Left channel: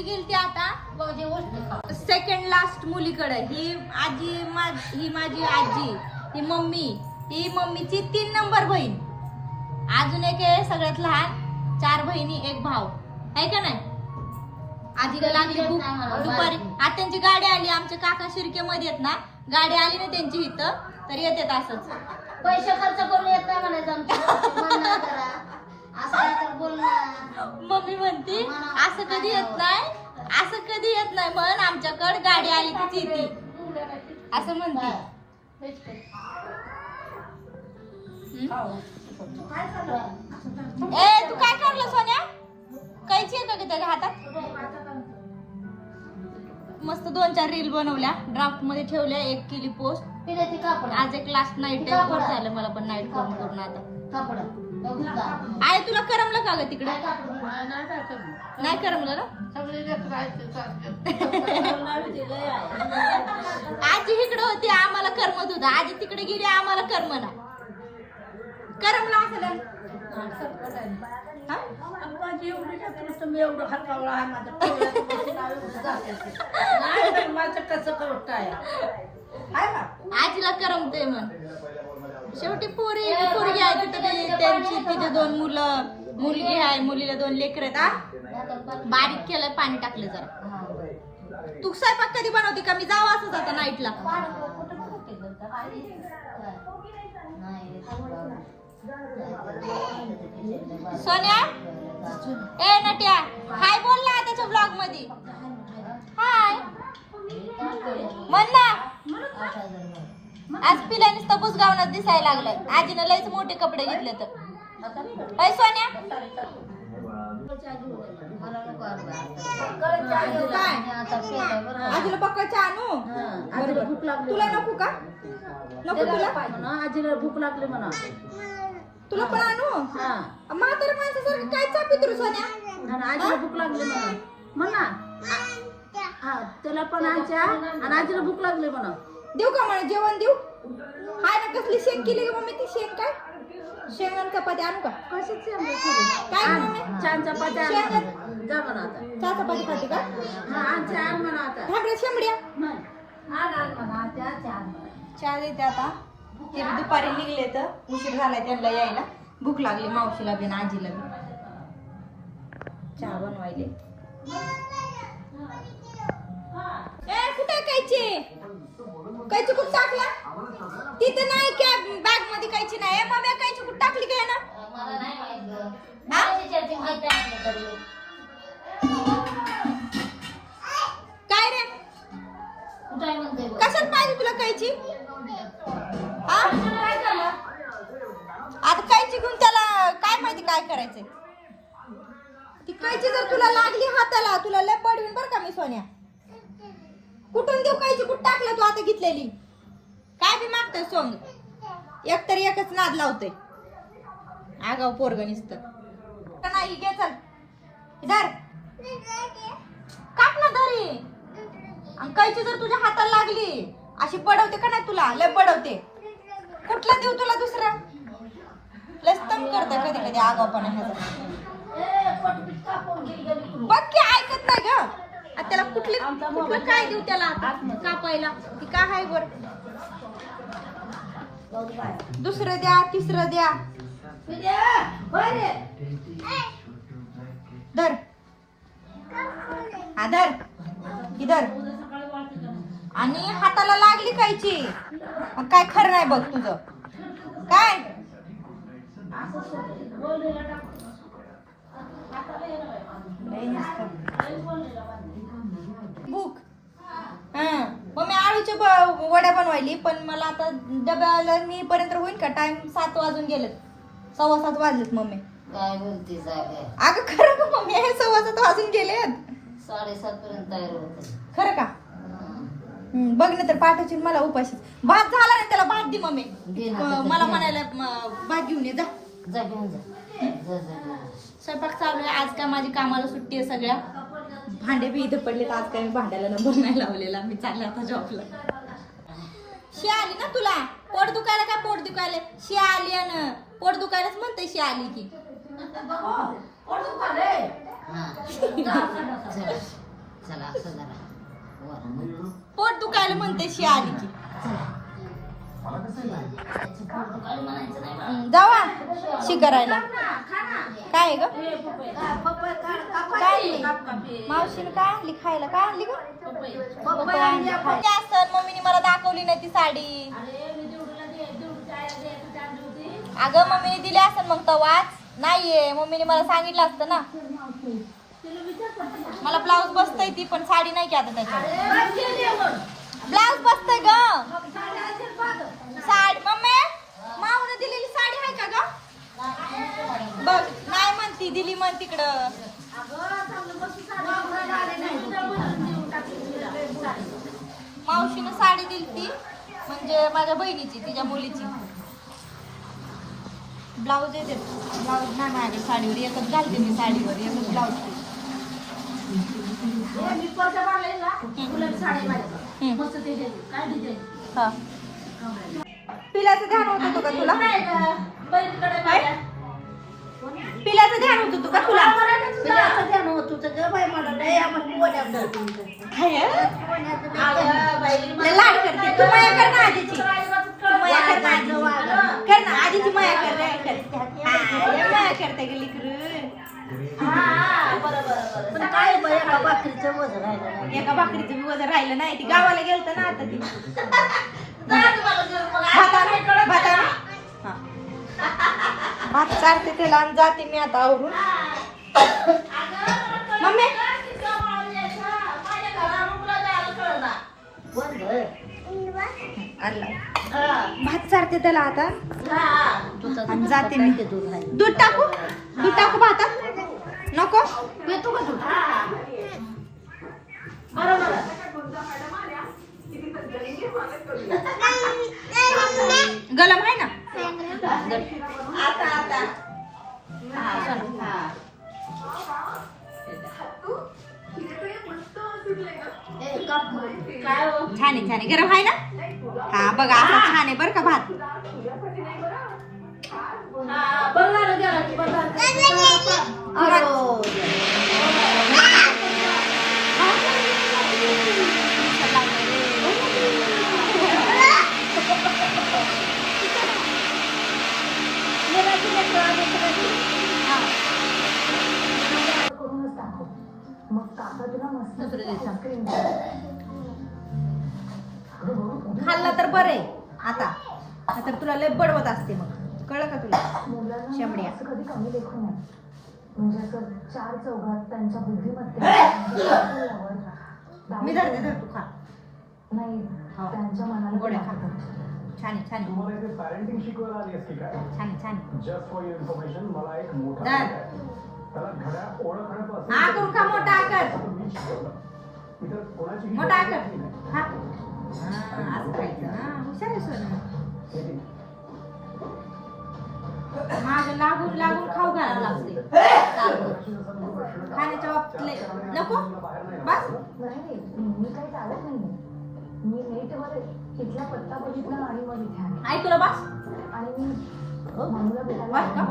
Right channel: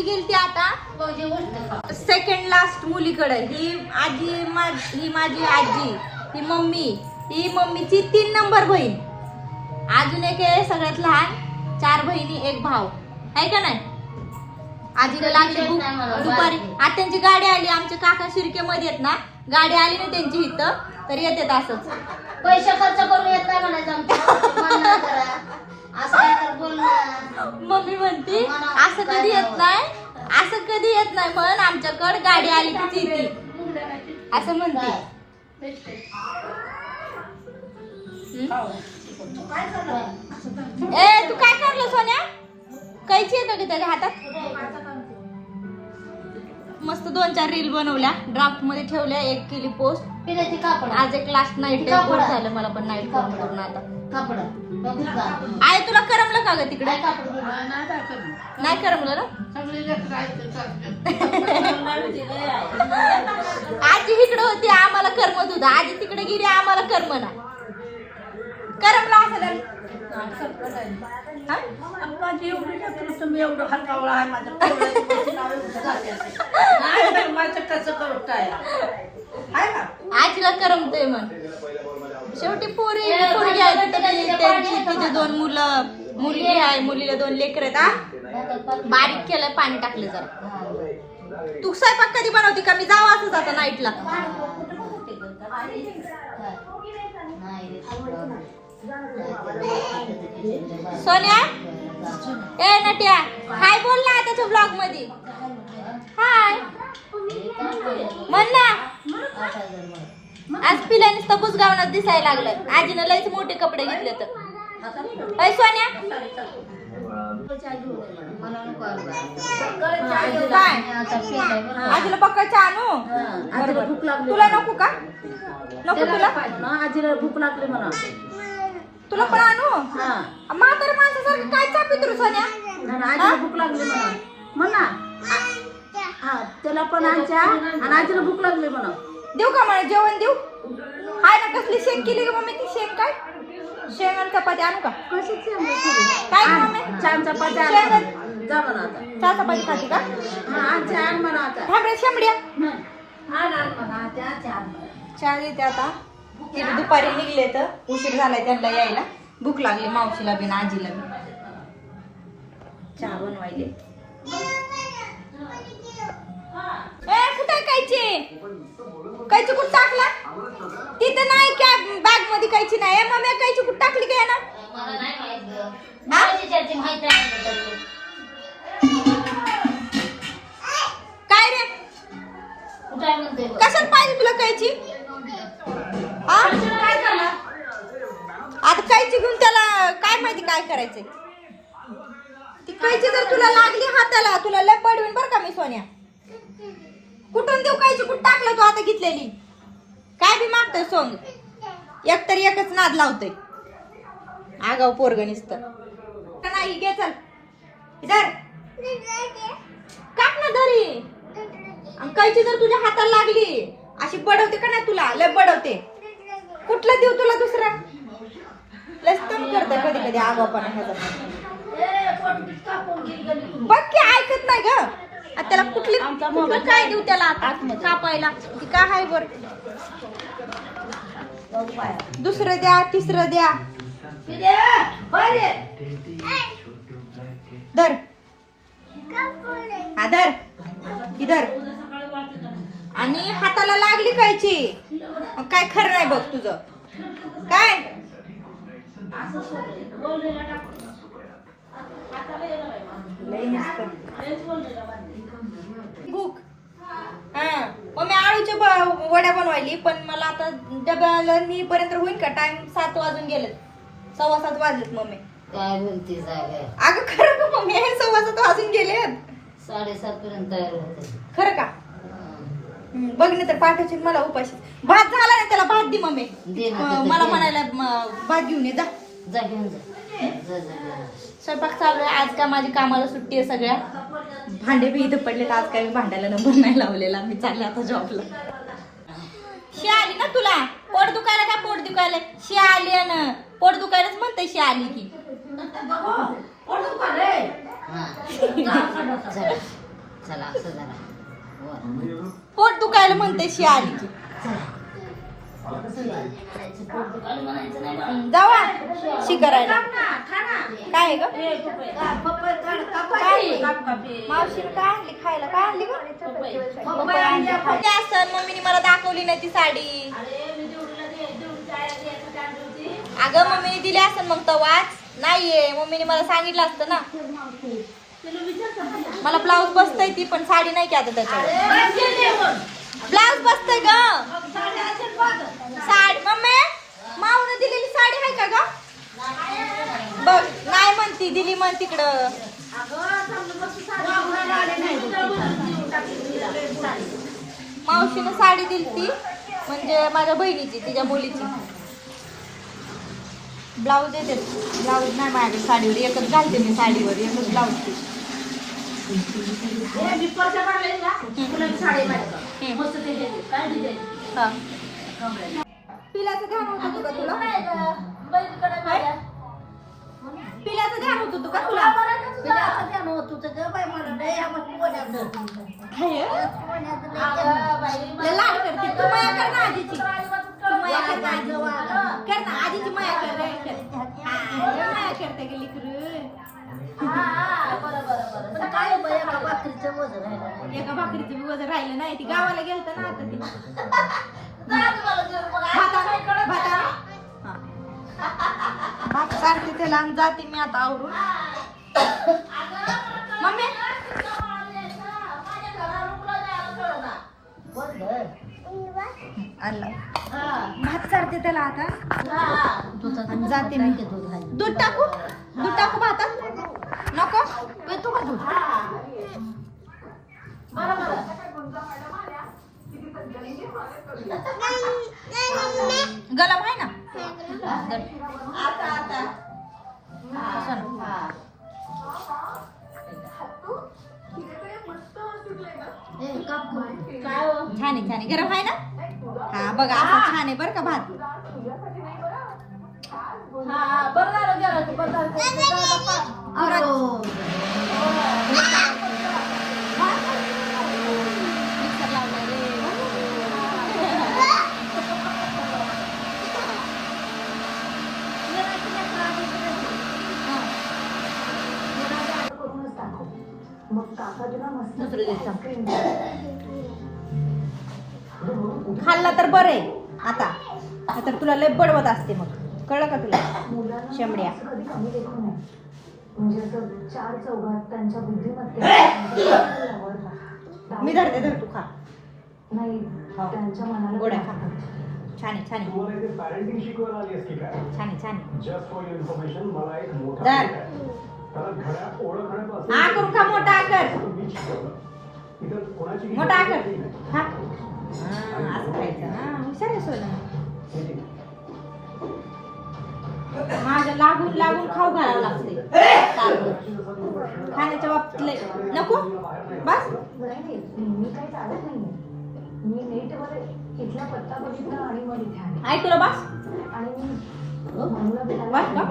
आजी गेलती आता? सेकंड लास्ट मुलीकडे. ही आजी माझी ही माझी आजी ही मम्मी ही मम्मीची तीन नंबर बहीण. अजून एक आहे सगळ्यात लहान चार बहिणी एक भाऊ. आहे का नाही? आजीला लागली. दुपारी गाडी आली. आमचे काका शिर्के मध्ये आहेत ना. गाडी आली ना त्यांची इथं. तर येतात असंच. पैसे खर्च करून येत नाही म्हणायचं मम्मी म्हणती असं कधी येत नाही असं कधी येत नाही म्हण आमच्याकडे गाडी आली की येते असं म्हणते. ए तू काय करलं सोन्या? कैची आहे का त्याच्या हातात? मस्त दोन चार रील बनवल्या. ड्राफ्टमध्ये ठेवल्या एक केली पोस्ट आज एक लास्ट नाईट झालं मला पण नाईट करून करून आता. आहे तुला करमलं का ग तिकडे? नाही करमलं. ना? आजी इकडे होती आम्हाला करमत होतं. आजी तिकडे गेली आम्हाला करमना करमला असं आजीला करमतंय म्हण. शेवटी पोरी पोरगी आहे तिथं ती- त्यांची तिथे दोन मुलं मुलगी आहे मुलीला दोन लेकर आहेत हा? बारीक केलंय पाणी टाकलं जरा. तू स्वयंपाक कधी बनवते का? मी जावं असं आता नाईटला सोन्या? ए नट्या हाय बोल ना त्याच्या ब्लॉगमध्ये हाय. म्हण ना आज पिल्या नुसतं बुजगावनात दिसायला लागलं. आजीनं लयच मोठे कपडे घेतले तर अय सोन्या. आणू भूक लागली तुला नको का? म्हणा, आजीला भूक लागली म्हणा तुला पण आणू? हा म्हातारा काय सोन्या आजीला भूक लागली म्हणा म्हणा हा त्याला पण आजा आणि आजीला भूक लागली म्हणा देऊ का मला जेवण देऊ हाय ना कसली शेंग केली का मम्मी ती शेंग काय शेंग आणि चपाती आणू का कशाची काय मम्मी? छान चपाती आण म्हणा. जा म्हणा आता. चहा चपाती खाती का? हा आजी आण म्हणा आता. थांब रे शेंबड्या आण आण म्हणा त्या आजी आण म्हणा. चहा देते आता. ते बी दुपारी निघले तर उशीर झालाय त्यांना यायला. भूक लागली मावशीला बी आणि आजीला बी. चहा बनवायले. ए, कुठं कैची कैची कुठं टाकला? तिथं नाही क्या बॅगमध्ये कैची नाही. ए, मम्मी कैची कुठं टाकली काय ना मला नाही कशात पाहिजे तुला कैची हा? आता कैची घेऊन त्याला काय माहिती काय करायचंय? ती कैची जर तुला लागली हाताला तुला लय पडवीन बरं का मी सोन्या कुठून देऊ कायची कुठं टाकलं तू आता घेतलेली? काय बी मागतोय सोंग? एक तरी एकच नाद लावतोय. आगाव पोरग नाही घे चल. इधर काट ना धरी आणि कैची जर तुझ्या हाताला लागली अशी बडवते का नाही तुला? लय बडवते. कुठलं देऊ तुला दुसरा? लय तंग करते कधी कधी आगावपणा ह्याचा. बघ की ऐकत नाही ग. आता त्याला कुठली काय देऊ त्याला कापायला. ती काय आहे बर? दुसरं द्या तिसरं द्या. धर. हा धर. इधर आणि हाताला लागली कायची मग काय खरं नाही बघ तुझं. काय? बुक नुसतं. भूक. हा. मग मी आळूच्या वड्या बनवायली पण मला आता डब्याला पर्यंत होईल का? टाइम सात वाजून गेले सव्वा सात वाजलेत मम्मी. काय बोलते झालंय अगं खरं का मम्मी? हे सव्वा सात वाजून गेलेत साडेसात पर्यंत तयार होते. खरं का? हम्म, बघ ना तर पाठाची मला उपाशी. भात झाला ना त्याला भात दे मम्मी. दे ना, अं, दे, मला दे. म्हणायला म, भात घेऊन ये जा. जा घेऊन जा. जा जा जा. स्वयंपाक चालू आहे. आज का माझी कामाला सुट्टी आहे सगळ्या? भांडे बी इथं पडलेलं आज काय मी भांड्याला नंबर नाही लावलेला. मी चालले आता जॉबला शी आली ना तुला? पोट दुखायला काय पोट दुखायला शी आली ना. पोट दुखायलाच म्हणते शी आली की. चला. चला असं जरा. पोट दुखायला म्हणते शी आली की. जावा शी करायला. काय आहे ग? मावशीला काय आणली? खायला काय आणली असं? मम्मीने मला दाखवली नाही ती साडी. अगं मम्मीने दिली असेल मग तवाच. नाहीये मम्मीने मला सांगितलं असतं ना. मला ब्लाऊज बसतय ती पण साडी नाही की आता त्याच्यावर. ब्लाऊज बसतय ग. साडी मम्मी माऊन दिलेली साडी आहे का ग? बघ नाही म्हणती दिली म्हण तिकडं. मावशीनं साडी दिली ती म्हणजे माझ्या बहिणीची तिच्या मुलीची. ब्लाऊज येते ब्लाऊज नाही माझ्याकडे साडीवर एकच घालते मी साडीवर एकच ब्लाऊज ती हम्म. हा. पिल्याचं ध्यान होतं तुला? पिल्याचं ध्यान होतं का तुला तू माया कर ना आधीची. कर ना आधीची माया कर ना कर. माया करते गेली एका भाकरीचं बी वजन राहिलं नाही ती गावाला गेलं होतं ना आता ती. भाता- हा. चारते त्याला आणि जाते मी आता आवरून. मम्मी. आणला. भात चारते त्याला आता. आणि जाते मी. दूध टाकू? दूध टाकू भातात नको. येतो का दूध गलम आहे ना? छान आहे छान आहे. गरम आहे ना? हा बघा असं छान आहे बरं का भात. खाल्ला तर बरं आता आता तुला लय बडवत असते मग. कळलं का तुला? शेंबड्या म्हणजे बुद्धिमत्तेने मी धरते धर तू खा. नाही हो. गोड्या खा. छान छान छान छान धर. हा करून खा मोठा आकर मोठा आकर हा. असं खायचं हा हुशार आहे सोनं माझ्या लागून लागून खाऊ घालावं लागते खाण्याच्या बाबतीत नको? बस. ऐकलो बस. ऐकलं बस का?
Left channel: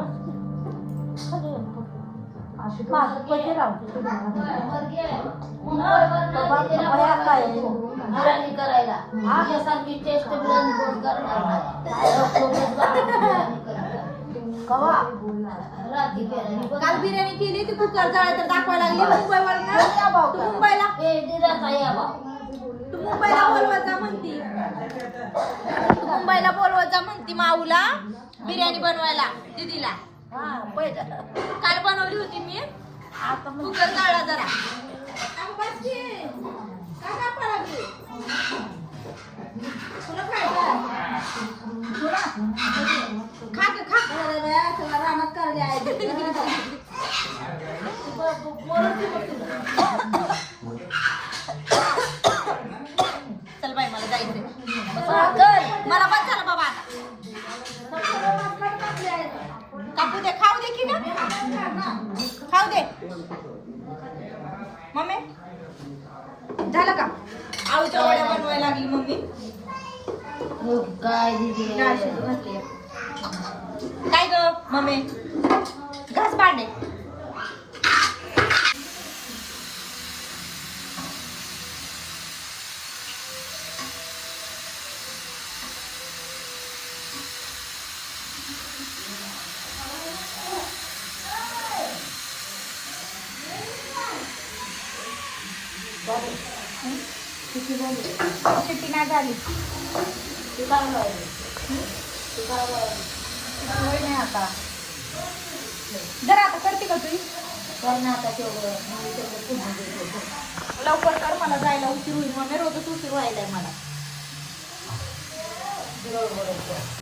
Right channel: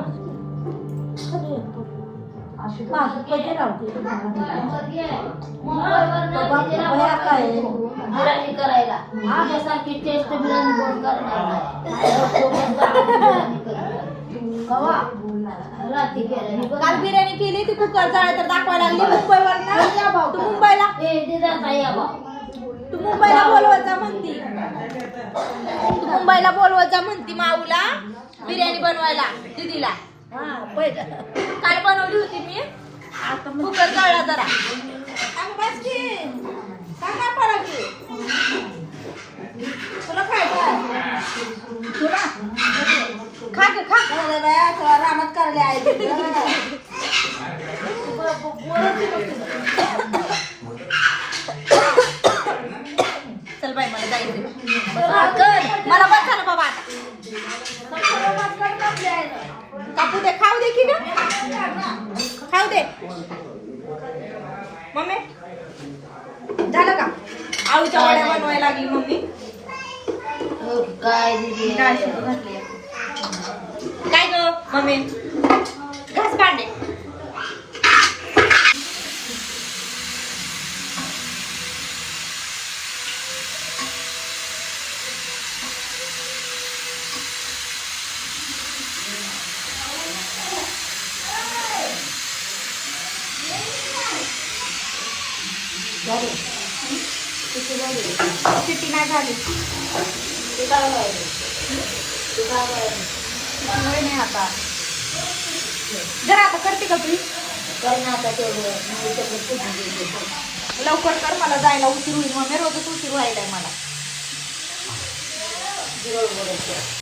मला टेस्ट काल बिर्याणी केली ती कुकर जळायचं दाखवायला लागली मुंबईवर ना तू मुंबईला? तू मुंबईला बोलवत जा म्हणती. तू मुंबईला बोलवत जा म्हणती माऊला बिर्याणी बनवायला दिदीला. काल बनवली होती मी? कुकर काढला जरा. कापू दे खाऊ दे की ग खाऊ दे. मम्मी झालं का? आळूच्या वड्या बनवायला लागली मम्मी. काय दिदी काय ग मम्मी घास भांडे सिटी नाही झाली वेळ नाही आता जरा आता करते का तू लवकर कर मला जायला उशीर होईल. मग मी रोजच उशीर आहे मला.